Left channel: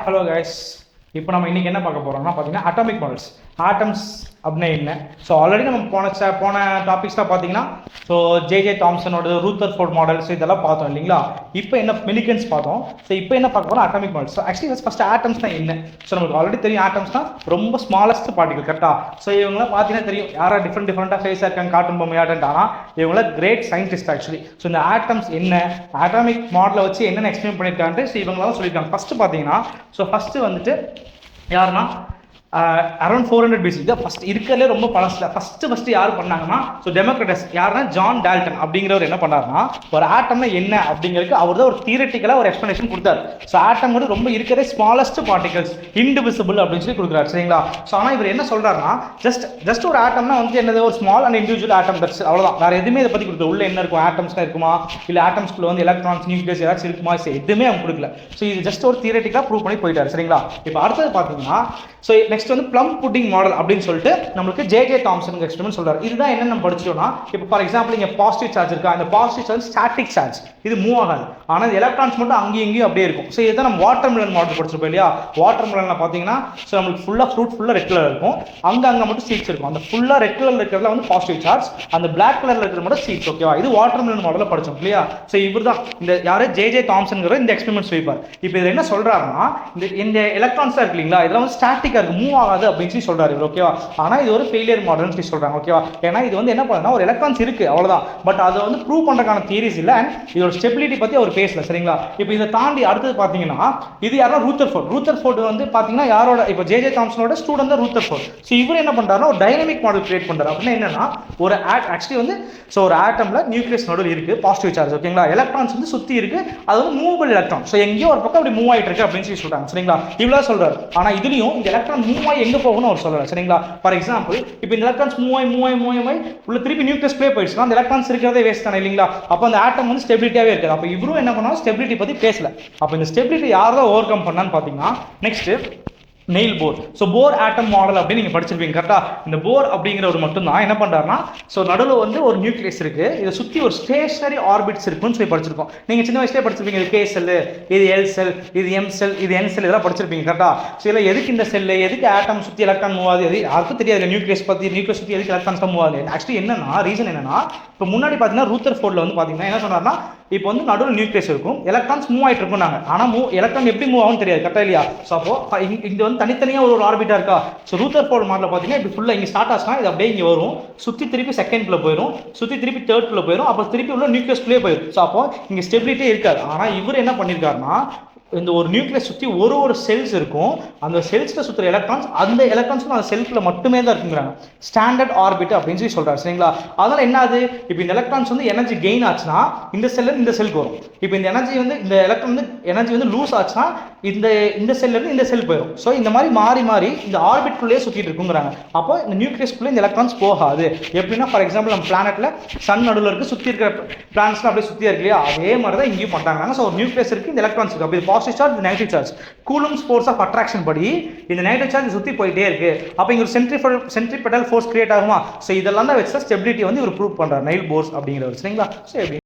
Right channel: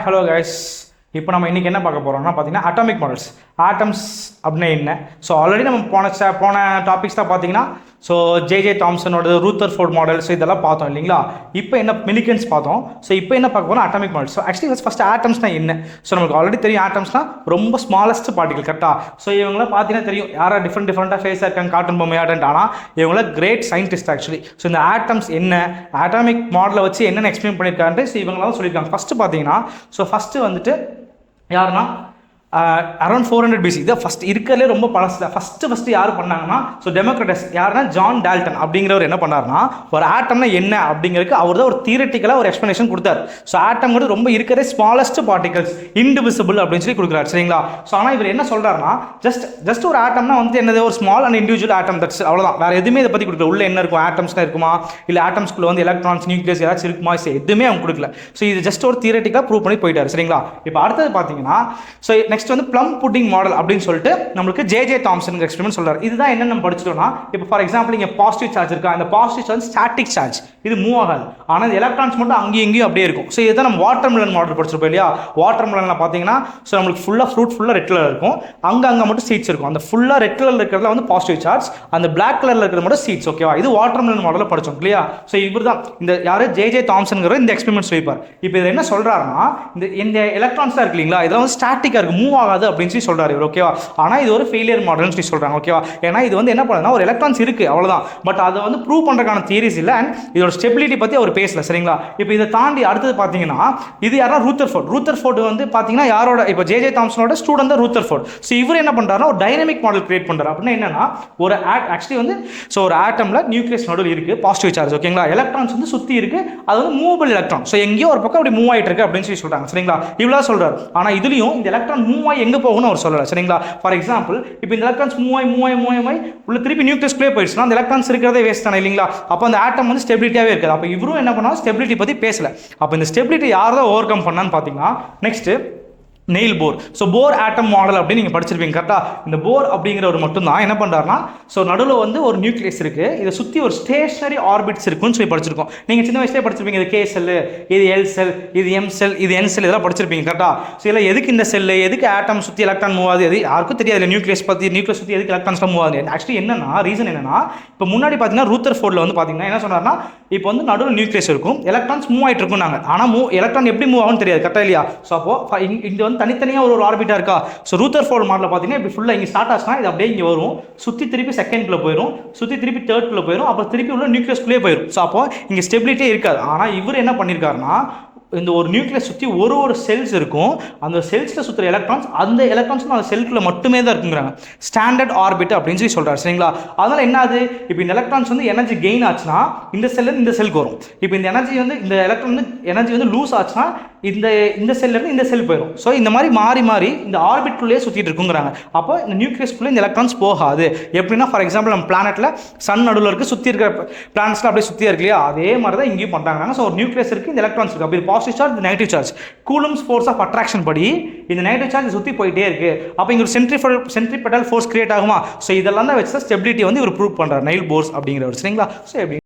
Hi hello guys. இப்போ நம்ம இன்றைக்கி என்ன பார்க்க போகிறோம்னா பார்த்தீங்கன்னா அட்டாமிக் மாடல்ஸ், ஆட்டம்ஸ் அப்படின்னா என்ன. ஸோ ஆல்ரெடி நம்ம போன டாபிக்ஸ்லாம் பார்த்தீங்கன்னா ஜே தாம்சனோட ரூதர்ஃபோர்ட் மாடல்ஸ் இதெல்லாம் பார்த்தோம் இல்லைங்களா. இப்போ என்ன மிலிகன்ஸ் பார்த்தோம். ஸோ இப்போ என்ன பார்க்க போகிறோம், atomic models. So actually first ஆட்டம்ஸ்னால் என்ன. ஸோ நமக்கு ஆல்ரெடி தெரியும் ஆட்டம்ஸ்னால் ரொம்ப ஸ்மாலஸ்ட் பார்ட்டிகல் கரெக்டாக. ஸோ இவங்களாம் பார்த்தீங்கன்னா தெரியும் யாராவது டிஃப்ரெண்ட்டாக ஃபேஸாக இருக்காங்க, காட்டன் பொம்மையாடன்ட். ஆனால் இவங்களாம் கிரேட் சயின்டிஸ்ட் ஆக்சுவலி. ஸோ இந்த ஆட்டம்ஸ் என்ன, அட்டாமிக் மாடலை வச்சு என்னென்ன எக்ஸ்பிளைன் பண்ணியிருக்காங்க. ஸோ இவங்களாம் சொல்லியிருக்காங்க. ஃபஸ்ட்டு பார்த்தீங்கன்னா ஃபஸ்ட்டு வந்துட்டு யாருன்னா அரௌண்ட் 400 BC. இதை ஃபஸ்ட் இருக்கிறதுலே ரொம்ப பழசில் ஃபஸ்ட்டு யார் பண்ணாங்கன்னா டெமோக்ரட்டஸ் யாருன்னா ஜான் டால்டன் அப்படிங்கிறவர் என்ன பண்ணார்னா ஒரு ஆட்டம்னா என்ன அப்படிங்கிறதுக்கு அவர் தான் ஒரு தியரட்டிக்கலாக ஒரு எக்ஸ்பிளனேஷன் கொடுத்தாரு. ஸோ ஆட்டம்ங்கிறது ரொம்ப இருக்கிற ஸ்மாலஸ்ட் பார்ட்டிகல்ஸ், இன்டிவிசிபிள் அப்படின்னு சொல்லி கொடுக்குறாரு சரிங்களா. ஸோ ஆனால் இவர் என்ன சொல்கிறாருன்னா ஜஸ்ட் ஒரு ஆட்டம்னா வந்து என்னது ஒரு small and individual atom, that's அவ்வளோதான். வேறு எதுவுமே இதை பற்றி கொடுக்கல. உள்ள என்ன இருக்கும், ஆட்டம்ஸ்லாம் இருக்குமா, இல்லை ஆட்டம்ஸ்குள்ள வந்து எலக்ட்ரான்ஸ் நியூக்ளியஸ் ஏதாச்சும் இருக்குமா, எதுவுமே அவங்க கொடுக்கல. ஸோ இது ஜஸ்ட் ஒரு தியரட்டிக்காக ப்ரூவ் பண்ணி போயிட்டார் சரிங்களா. இப்போ அடுத்தது பார்த்தீங்கன்னா நெக்ஸ்ட் வந்து ப்ளம் புட்டிங் மாடல் அப்படின்னு சொல்லிட்டு நம்மளுக்கு ஜே தாம்சன் எக்ஸ்பெரிமெண்ட் சொல்றாரு. இதுதான் என்ன நம்ம படிச்சிட்டோம்னா, இப்போ ஃபார் எக்ஸாம்பிள் இங்கே பாசிட்டிவ் சார்ஜ் இருக்கா, அந்த பாசிட்டிவ் சார்ஜ் ஸ்டாட்டிக் சார்ஜ், இது மூவ் ஆகாது. ஆனால் எலக்ட்ரான்ஸ் மட்டும் அங்கேயும் இங்கேயும் அப்படியே இருக்கும். ஸோ இதுதான் நம்ம வாட்டர் மெலன் மாடல் படிச்சிருப்போம் இல்லையா. வாட்டர் மெலனில் பார்த்தீங்கன்னா நம்மளுக்கு ஃப்ரூட் ஃபுல்லாக ரெட் கலர் இருக்கும், அங்கே மட்டும் சீட்ஸ் இருக்கும். அந்த ஃபுல்லாக ரெட் கலர் இருக்கிறதுல வந்து பாசிட்டிவ் சார்ஜ், அந்த பிளாக் கலரில் இருக்கிறது மட்டும் சீட்ஸ். ஓகேவா, இது வாட்டர் மெலன் மாடலில் படிச்சோம் இல்லையா. ஸோ இவர் தான் இந்த யாரு ஜே தாம்சன்கிற இந்த எக்ஸ்பெரிமெண்ட் சொல்லிப்பார். இப்போ இதில் என்ன சொல்றாருன்னா இந்த எலக்ட்ரான்ஸாக இருக்கு இல்லைங்களா, இதெல்லாம் வந்து ஸ்டாட்டிக்காக இருக்கு, மூவ் ஆகாது அப்படின்னு சொல்லி சொல்றாரு இவர். ஓகேவா, ஆனால் இது ஒரு ஃபெயிலியர் மாடல்னு சொல்லி சொல்றாங்க. ஓகேவா, ஏன்னா இது வந்து என்ன பண்ணுன்னா ஒரு எலக்ட்ரான்ஸ் இருக்கு அவ்வளவுதான், பட் அதை வந்து ப்ரூவ் பண்றதுக்கான தியரிஸ் இல்லை. அண்ட் இதோட ஸ்டெபிலிட்டி பத்தி அவர் பேசல சரிங்களா. இப்போ இதை தாண்டி அடுத்தது பார்த்தீங்கன்னா இது யாரா ரூதர்ஃபோர்ட் வந்து பார்த்தீங்கன்னா யாரோட, இப்போ ஜே தாம்சனோட ஸ்டூடெண்ட் தான் ரூதர்ஃபோர்ட். ஸோ இவர் என்ன பண்றாருன்னா ஒரு டைனமிக் மாடல் கிரியேட் பண்றாரு. அப்படின்னா என்னன்னா ஒரு ஆக்சுவலி வந்து ஒரு ஆட்டம்ல நியூக்ளியஸ் நடுவில் இருக்கு பாசிட்டிவ் சார்ஜ். ஓகேங்களா, எலக்ட்ரான்ஸ் வந்து சுத்தி இருக்கு, அது வந்து மூவபிள் எலக்ட்ரான். ஸோ எங்கேயோ ஒரு பக்கம் அப்படி மூவ் ஆயிட்டு இருக்கு அப்படின்னு சொல்லி சொல்றாங்க சரிங்களா. இவ்வளவு சொல்றாரு. ஆனால் இதுலயும் இந்த எலக்ட்ரான் மூவ் ஆகி எங்க போகணும்னு அவர் சொல்லல சரிங்களா. ஃபார் எக்ஸாம்பிள் இப்போ இந்த எலக்ட்ரான்ஸ் மூவ் ஆகி உள்ள திருப்பி நியூக்ளியஸ் ப்ளே போயிடுச்சுன்னா அந்த எலக்ட்ரான்ஸ் இருக்கிறதே வேஸ்ட் தானே இல்லைங்களா. அப்போ அந்த ஆட்டம் வந்து ஸ்டெபிலிட்டியாவே இருக்காது. அப்போ இவரும் என்ன பண்ணாலும் ஸ்டெபிலிட்டி பற்றி பேசல. அப்போ இந்த ஸ்டெபிலிட்டி யார் தான் ஓவர் கம் பண்ணான்னு பார்த்தீங்கன்னா நெக்ஸ்ட் நெயில் போர். ஸோ போர் ஆட்டம் மாடல் அப்படின்னு நீங்கள் படிச்சிருப்பீங்க கரெக்டாக. இந்த போர் அப்படிங்கிறவர் மட்டும்தான் என்ன பண்ணுறாருன்னா நடுவில் வந்து ஒரு நியூக்ளியஸ் இருக்குது, இதை சுற்றி ஒரு ஸ்டேஷனரி ஆர்பிட்ஸ் இருக்குன்னு சொல்லி படிச்சிருக்கோம். நீங்கள் சின்ன வயசுலேயே படிச்சிருப்பீங்க, இது கே செல், இது எல் செல், இது எம் செல், இது என் செல், இதெல்லாம் படிச்சிருப்பீங்க கரெக்டாக. ஸோ இல்லை எதுக்கு இந்த செல்லு, எதுக்கு ஆட்டம் சுற்றி எலக்ட்ரான் மூவ் ஆகுது, எது யாருக்கும் தெரியாது. நியூக்ளியஸ் சுற்றி எதுக்கு எலக்ட்ரான்ஸ்லாம் மூவ் ஆகுது. ஆக்சுவலி என்னன்னா ரீசன் என்னன்னா, இப்போ முன்னாடி பார்த்தீங்கன்னா ரூதர்ஃபோர்டில் வந்து பார்த்தீங்கன்னா என்ன சொன்னார்னா இப்போ வந்து நடுவில் நியூக்ளியஸ் இருக்கும், எலக்ட்ரான்ஸ் மூவ் ஆகிட்டு இருக்கும். நாங்கள் ஆனால் எலக்ட்ரான் எப்படி மூவ் ஆகும்னு தெரியாது கரெக்டாக இல்லையா. ஸோ அப்போ இங்கே வந்து தனித்தனியாக ஒரு ஆர்பிட்டா இருக்கா. ஸோ ரூதர்ஃபோர்ட் மாடலில் பார்த்தீங்கன்னா இப்படி ஃபுல்லாக இங்கே ஸ்டார்ட் ஆச்சுன்னா இது அப்படியே இங்கே வரும், சுற்றி திருப்பி செகண்ட்குள்ளே போயிடும், சுற்றி திருப்பி தேர்ட்குள்ளே போயிடும், அப்புறம் திருப்பி உள்ள நியூக்ளியஸ்குள்ளே போயிடும். ஸோ அப்போ இங்கே ஸ்டெபிலிட்டியே இருக்காது. ஆனால் இவர் என்ன பண்ணியிருக்காருன்னா இந்த ஒரு நியூக்ளியஸ் சுற்றி ஒரு செல்ஸ் இருக்கும், அந்த செல்ஸில் சுற்றுற எலக்ட்ரான்ஸ் அந்த எலக்ட்ரான்ஸ் அந்த செல்ஃபில் மட்டுமே தான் இருக்குங்கிறாங்க. ஸ்டாண்டர்ட் ஆர்பிட் அப்படின்னு சொல்லி சொல்கிறார் சரிங்களா. அதனால் என்ன ஆகுது, இப்போ இந்த எலக்ட்ரான்ஸ் வந்து எனர்ஜி கெயின் ஆச்சுன்னா இந்த செல்லேருந்து இந்த செல்க்கு வரும். இப்போ இந்த எனர்ஜி வந்து இந்த எலக்ட்ரான் வந்து எனர்ஜி வந்து லூஸ் ஆச்சுன்னா இந்த செல்லேருந்து இந்த செல் போயிடும். ஸோ இந்த மாதிரி மாறி இந்த ஆர்பிட்குள்ளேயே சுற்றிட்டு இருக்குங்கிறாங்க. அப்போ இந்த நியூக்ளியஸ்குள்ளே இந்த எலக்ட்ரான்ஸ் போகாது. எப்படின்னா ஃபார் எக்ஸாம்பிள் நம்ம பிளானெட்டில் சன் நடுவில் இருக்குது, சுற்றி இருக்கிற பிளானட்ஸ்லாம் அப்படியே சுற்றியா இருக்கு இல்லையா, அதே மாதிரி தான் இங்கேயும் பண்ணுறாங்க. ஸோ ஒரு நியூக்ளியஸ் இருக்குது, இந்த எலக்ட்ரான்ஸ் இருக்குது, அப்படி positive charge negative charge, Coulomb's force of attraction படி இந்த நெகட்டிவ் சார்ஜ் சுற்றி போயிட்டே இருக்கு. அப்போ இங்கே சென்ட்ரிபெடல் ஃபோர்ஸ் கிரியேட் ஆகுமா. ஸோ இதெல்லாம் தான் வச்சு ஸ்டெபிலிட்டி வந்து இவர் ப்ரூவ் பண்ணுறாரு நெயில் போர்ஸ் அப்படிங்கிறவர் சரிங்களா. ஸோ எப்படி